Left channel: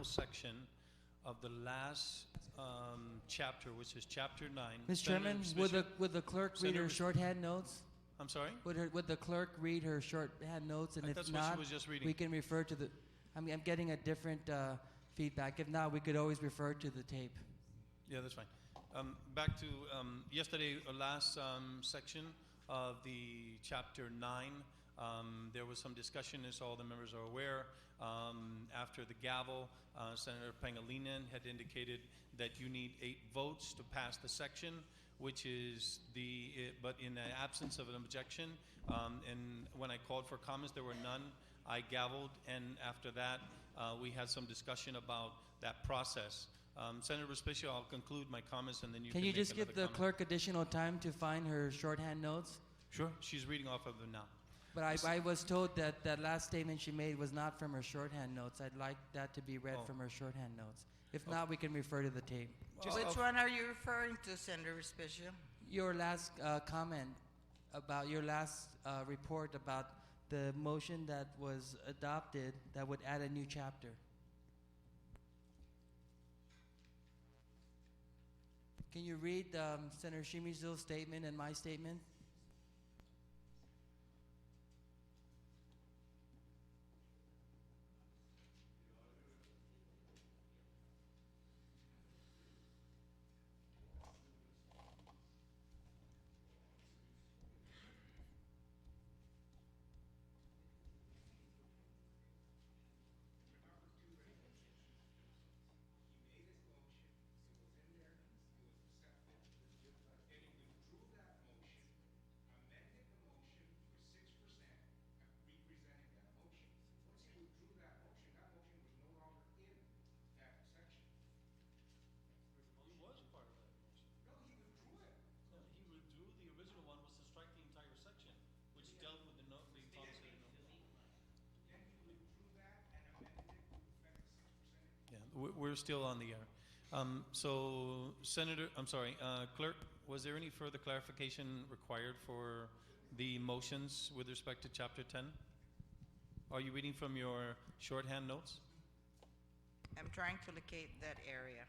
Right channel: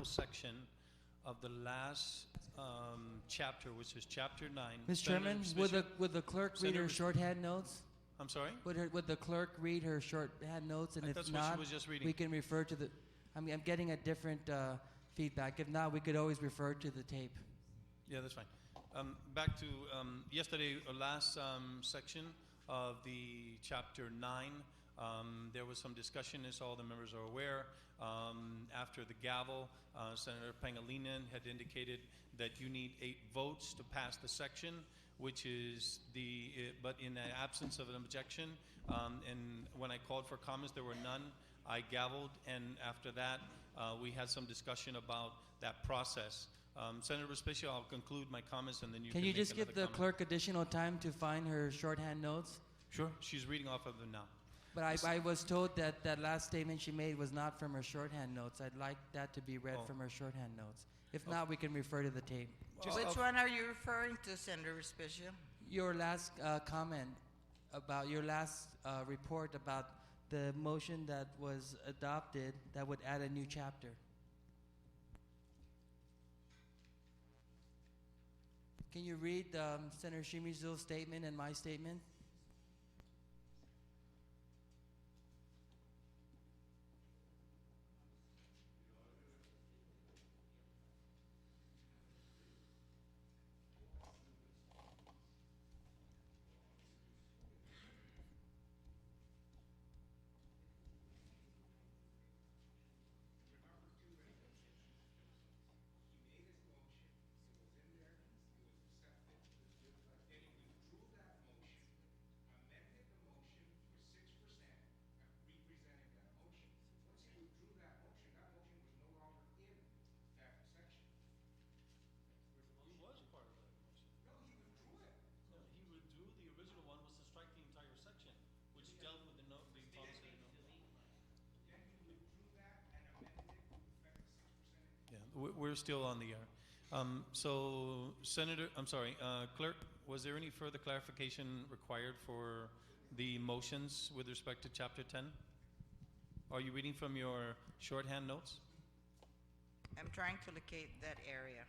final section of the last chapter, which is chapter 9. Mr. Chairman, would the clerk read her shorthand notes? I'm sorry? Would the clerk read her shorthand notes? And if That's what she not, was just reading. we can refer to the, I'm getting a different feedback. If not, we could always refer to the tape. Yeah, that's fine. Back to yesterday, last section of the chapter 9. There was some discussion, as all the members are aware. After the gavel, Senator Pangilinan had indicated that you need 8 votes to pass the section, which is but in the absence of an objection, and when I called for comments, there were none. I gavelled, and after that, we had some discussion about that process. Senator Respicio, I'll conclude my comments, and then you can you just give the comment. clerk additional time to find her shorthand notes? Sure, she's reading off of them now. But I was told that that last statement she made was not from her shorthand notes. I'd like that to be read from her shorthand notes. If not, we can refer to the tape. Which one are you referring to, Senator Respicio? Your last comment about your last report about the motion that was adopted that would add a new chapter. Can you read Senator Shimizu's statement and my statement? We're still on the air. So, Clerk, was there any further clarification required for the motions with respect to Chapter 10? Are you reading from your shorthand notes? I'm trying to locate that area.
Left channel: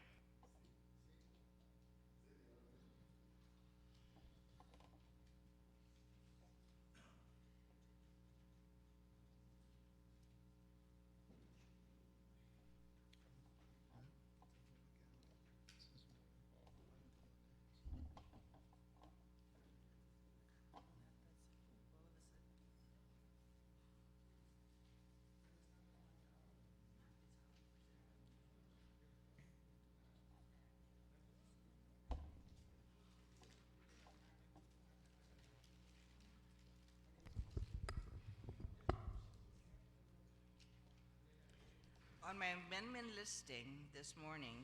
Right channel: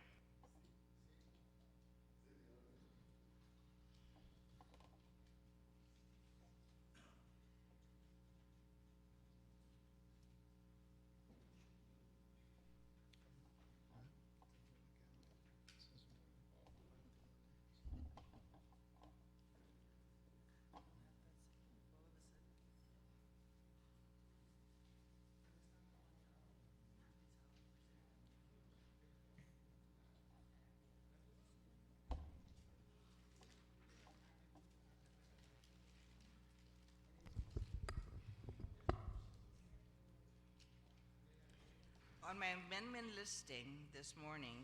On my amendment listing this morning,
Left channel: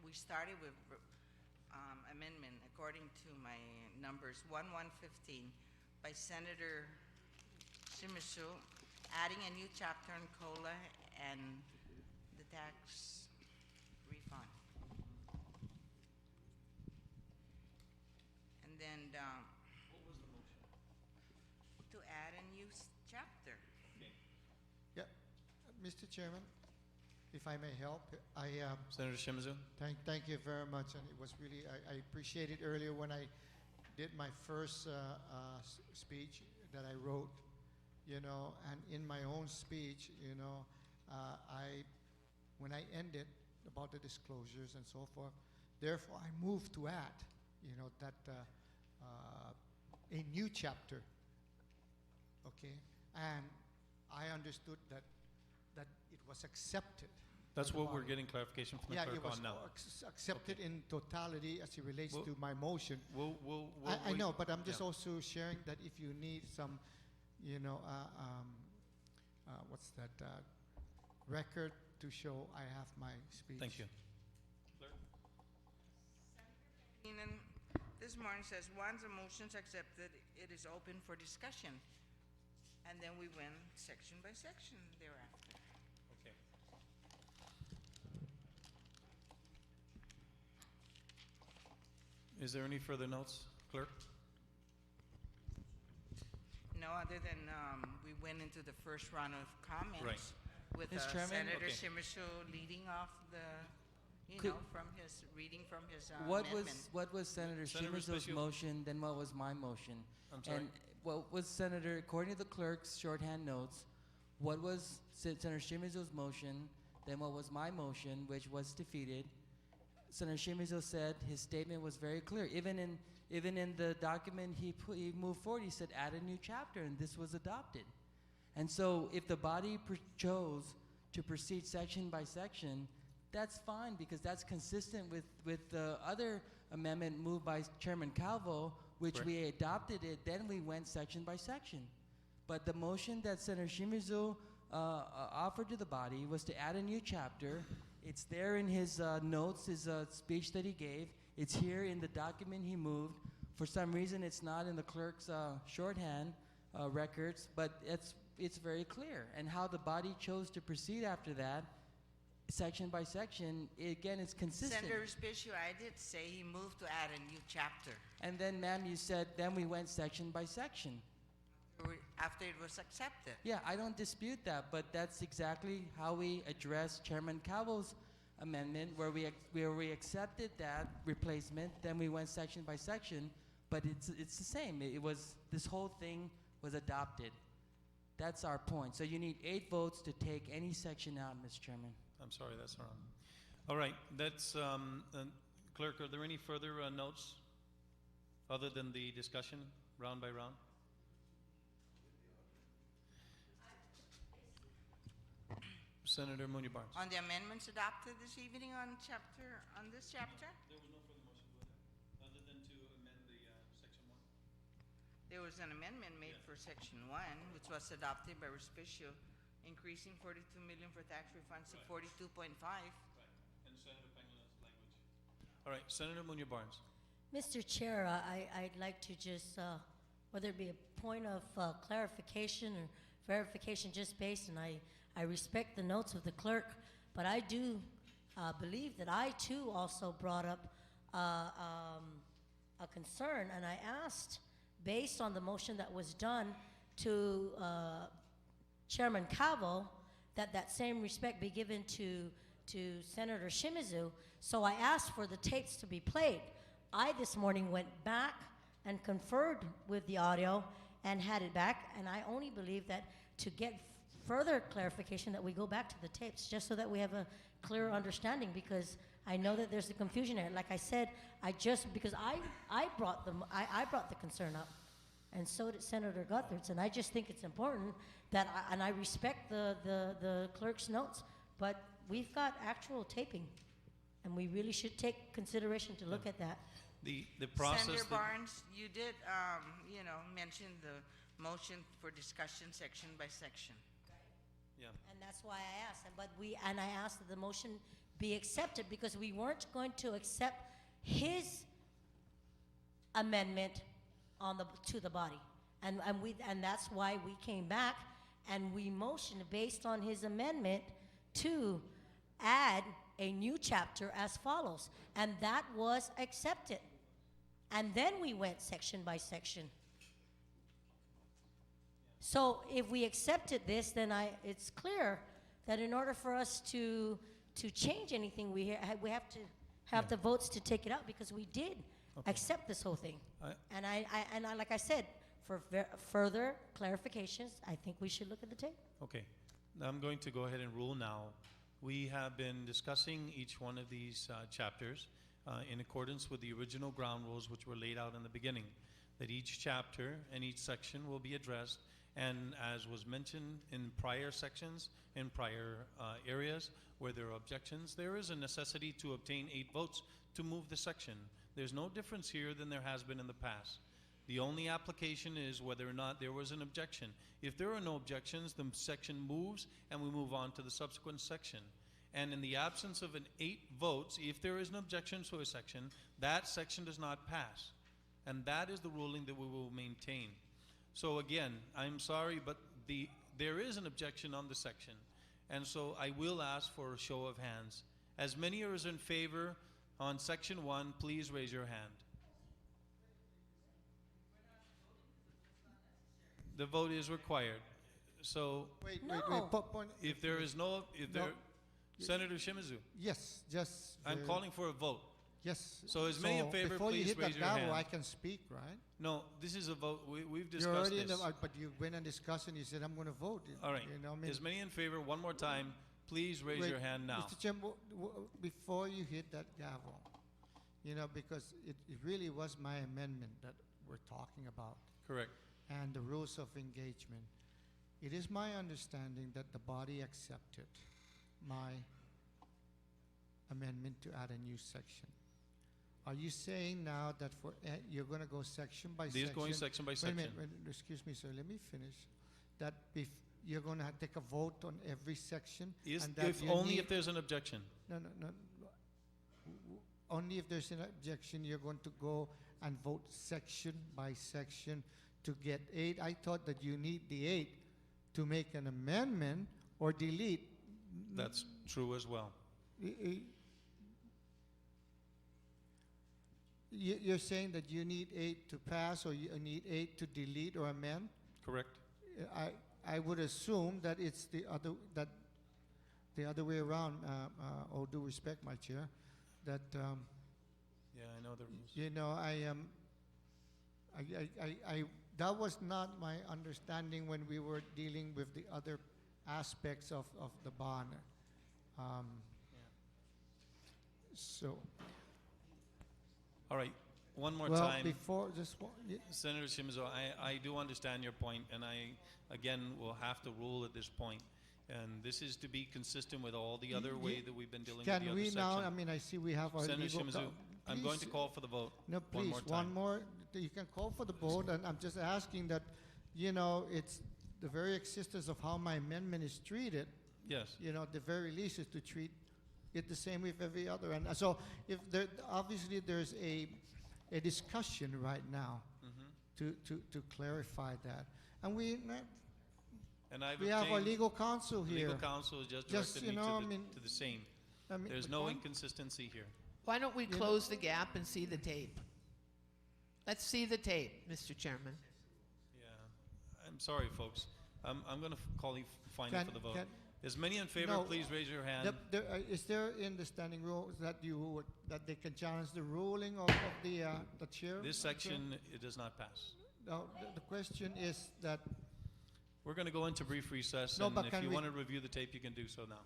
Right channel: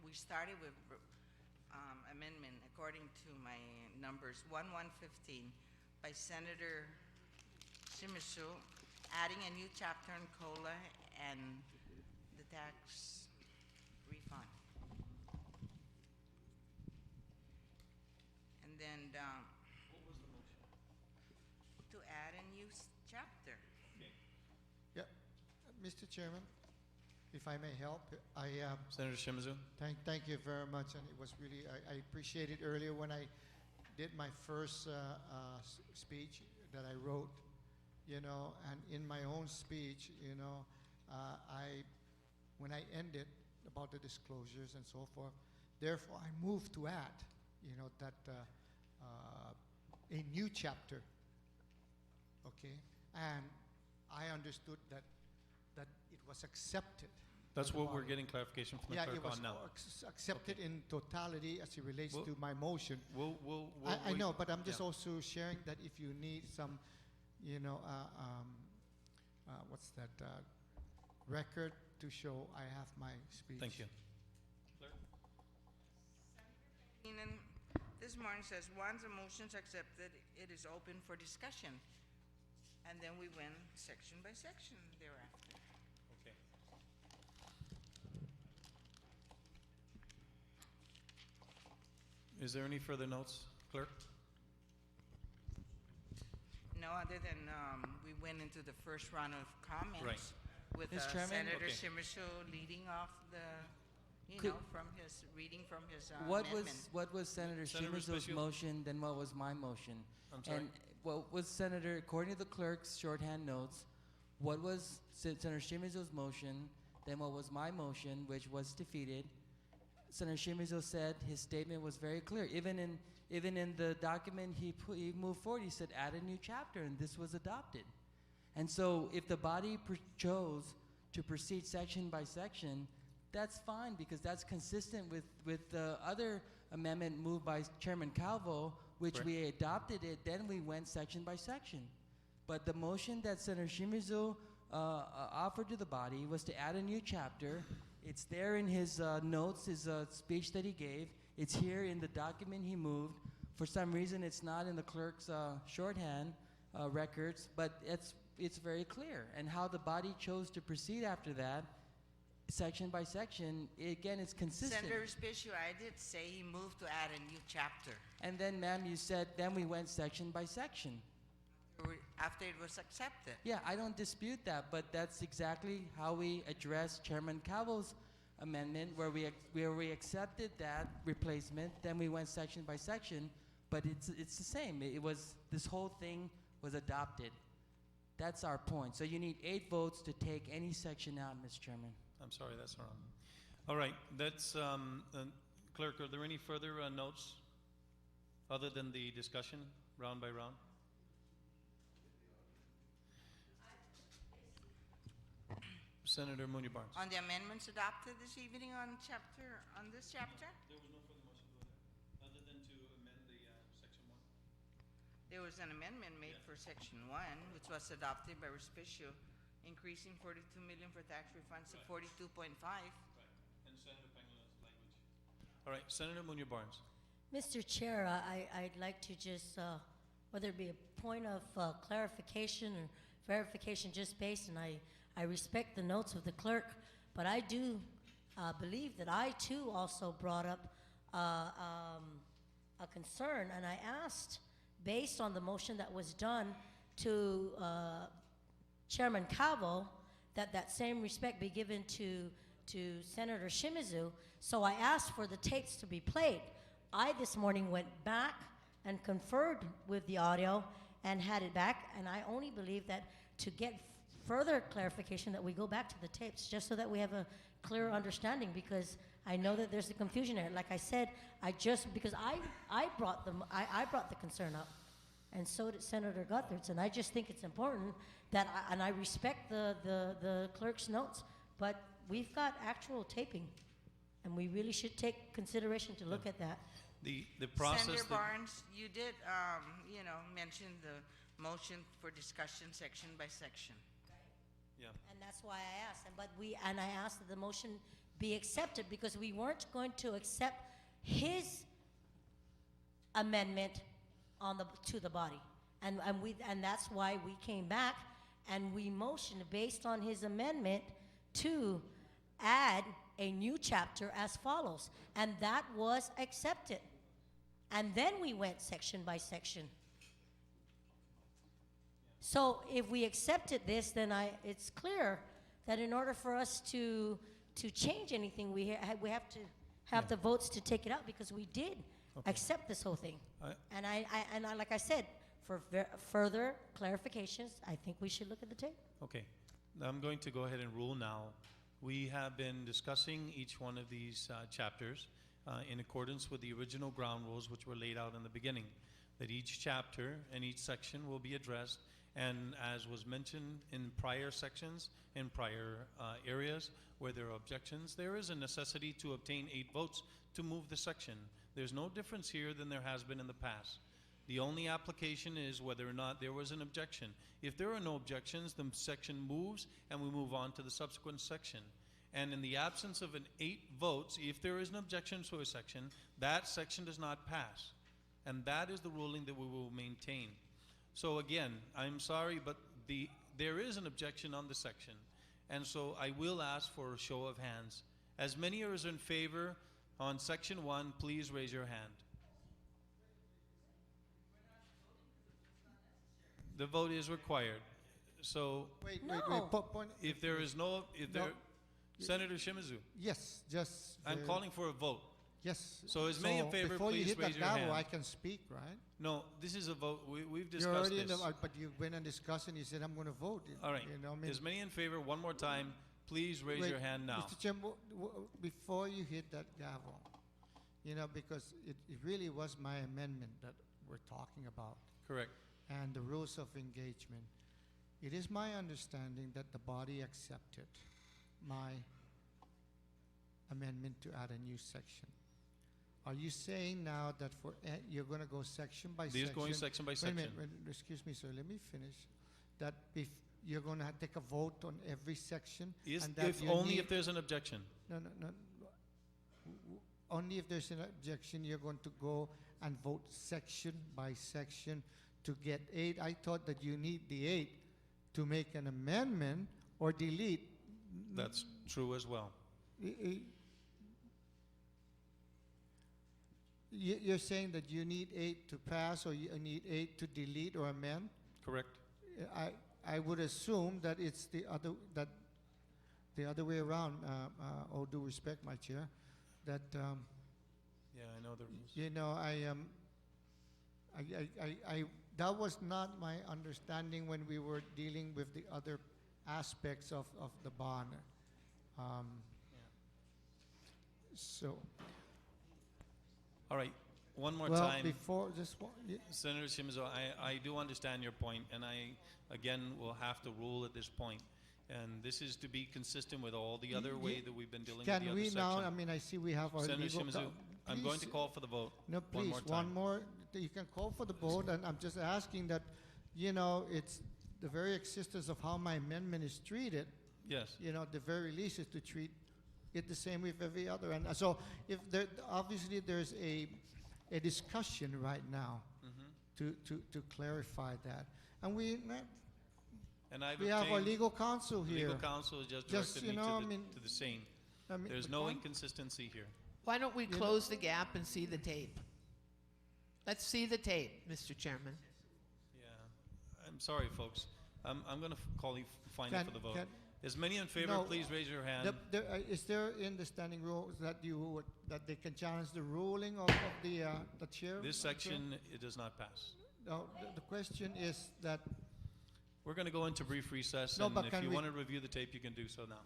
we started with amendment according to my numbers 1115 by Senator Shimizu, adding a new chapter on COLA and the tax refund. And then What was the motion? to add a new chapter. Yeah, Mr. Chairman, if I may help, Senator Shimizu? thank you very much, and it was really, I appreciated earlier when I did my first speech that I wrote, and in my own speech, when I ended about the disclosures and so forth, therefore I moved to add, that a new chapter, okay, and I understood that it was accepted. That's what we're getting clarification from the Yeah, it clerk was on now. accepted in totality as it relates Well- to my motion. I know, but I'm just also sharing that if you need some, what's that, record to show I have my speech. Thank you. And then this morning says, once a motion's accepted, it is open for discussion. And then we went section by section thereafter. Okay. Is there any further notes, clerk? No, other than we went into the first round of comments Right. with Mr. Chairman? Senator Okay. Shimizu leading off the, Could- from his, reading from his What amendment. was Senator Senator Shimizu's Spezia. motion, then what was my motion? I'm sorry. And what was Senator, according to the clerk's shorthand notes, what was Senator Shimizu's motion, then what was my motion, which was defeated? Senator Shimizu said his statement was very clear. Even in the document he moved forward, he said add a new chapter, and this was adopted. And so if the body chose to proceed section by section, that's fine, because that's consistent with the other amendment moved by Chairman Calvo, which Correct. we adopted it, then we went section by section. But the motion that Senator Shimizu offered to the body was to add a new chapter. It's there in his notes, his speech that he gave. It's here in the document he moved. For some reason, it's not in the clerk's shorthand records, but it's very clear. And how the body chose to proceed after that, section by section, again, it's consistent. Senator Spezia, I did say he moved to add a new chapter And then, ma'am, you said, then we went section by section. after it was accepted. Yeah, I don't dispute that, but that's exactly how we addressed Chairman Calvo's amendment, where we accepted that replacement, then we went section by section, but it's the same. It was, this whole thing was adopted. That's our point. So you need 8 votes to take any section out, Mr. Chairman. I'm sorry, that's wrong. All right, that's, clerk, are there any further notes other than the discussion, round by round? Senator Mooney Barnes. On the amendments adopted this evening on this chapter? There was no further motion, other than to amend the section 1. There was an amendment made for section 1, which was adopted by Respicio, increasing 42 million for tax refunds to 42.5. Right, and Senator Pangilinan language. All right, Senator Mooney Barnes. Mr. Chair, I'd like to just, whether it be a point of clarification or verification just based, and I respect the notes of the clerk, but I do believe that I too also brought up a concern, and I asked, based on the motion that was done to Chairman Calvo, that same respect be given to Senator Shimizu. So I asked for the tapes to be played. I this morning went back and conferred with the audio and had it back, and I only believe that to get further clarification that we go back to the tapes, just so that we have a clearer understanding, because I know that there's a confusion there. Like I said, because I brought the concern up, and so did Senator Guthertz, and I just think it's important that, and I respect the clerk's notes, but we've got actual taping, and we really should take consideration to look at that. The process. Senator that- Barnes, you did, mention the motion for discussion section by section. Yeah. And that's why I asked, and I asked that the motion be accepted, because we weren't going to accept his amendment to the body. And that's why we came back and we motioned based on his amendment to add a new chapter as follows. And that was accepted. And then we went section by section. So if we accepted this, then it's clear that in order for us to change anything, we have to have the votes to take it out, because we did accept this whole thing. And I like I said, for further clarifications, I think we should look at the tape. Okay, now I'm going to go ahead and rule now. We have been discussing each one of these chapters in accordance with the original ground rules which were laid out in the beginning, that each chapter and each section will be addressed, and as was mentioned in prior sections, in prior areas where there are objections, there is a necessity to obtain 8 votes to move the section. There's no difference here than there has been in the past. The only application is whether or not there was an objection. If there are no objections, the section moves and we move on to the subsequent section. And in the absence of an 8 votes, if there is an objection to a section, that section does not pass. And that is the ruling that we will maintain. So again, I'm sorry, but there is an objection on the section. And so I will ask for a show of hands. As many as are in favor on section 1, please raise your hand. The vote is required. So Wait, No. point. if there is no, No. Senator Shimizu, Yes, just. I'm calling for a vote. Yes. So as many in favor, before you please hit the raise your gavel, hand. I can speak, right? No, this is a vote. We've You're discussed already in this. the, but you went and discussed and you said, I'm gonna vote. All right. You know, I mean, As many in favor, one more time, please raise wait, your hand now. Mr. Chair, before you hit that gavel, you know, because it really was my amendment that we're talking about Correct. and the rules of engagement. It is my understanding that the body accepted my amendment to add a new section. Are you saying now that you're gonna go section by This is section? going section by Wait a minute, section. excuse me, sir, let me finish. That if you're gonna take a vote on every section? Is, and that if you only need- if there's an objection. No. Only if there's an objection, you're going to go and vote section by section to get 8. I thought that you need the 8 to make an amendment or delete. That's true as well. You're saying that you need 8 to pass or you need 8 to delete or amend? Correct? I would assume that it's the other way around. All due respect, my chair, that Yeah, I know the rules. you know that was not my understanding when we were dealing with the other aspects of the bond. So All right, one more well time. before this one. Senator Shimizu, I do understand your point, and I, again, will have to rule at this point. And this is to be consistent with all the other way that we've been dealing with Can the other we now? section. I mean, I see we have our Senator legal. Shimizu, I'm going to Please. call for the vote. No, One please, more time. one more. You can call for the vote, and I'm just asking that, you know, it's the very existence of how my amendment is treated. Yes. You know, the very least is to treat it the same with every other. And so, if there, obviously, there's a discussion right now to clarify that, and we And I've have our obtained, legal counsel here. legal counsel has just Just, directed me you know, to I mean- the scene. I mean, There's no inconsistency here. Why don't we close the gap and see the tape? Let's see the tape, Mr. Chairman. Yeah. I'm sorry, folks. I'm going to call you final Can- for the vote. can- As many in favor, No. please raise your hand. Is there in the standing rules that that they can challenge the ruling of the chair? This section, it does not pass. No, the question is that, We're going to go into brief recess, No, and but if can you we- want to review the tape, you can do so now.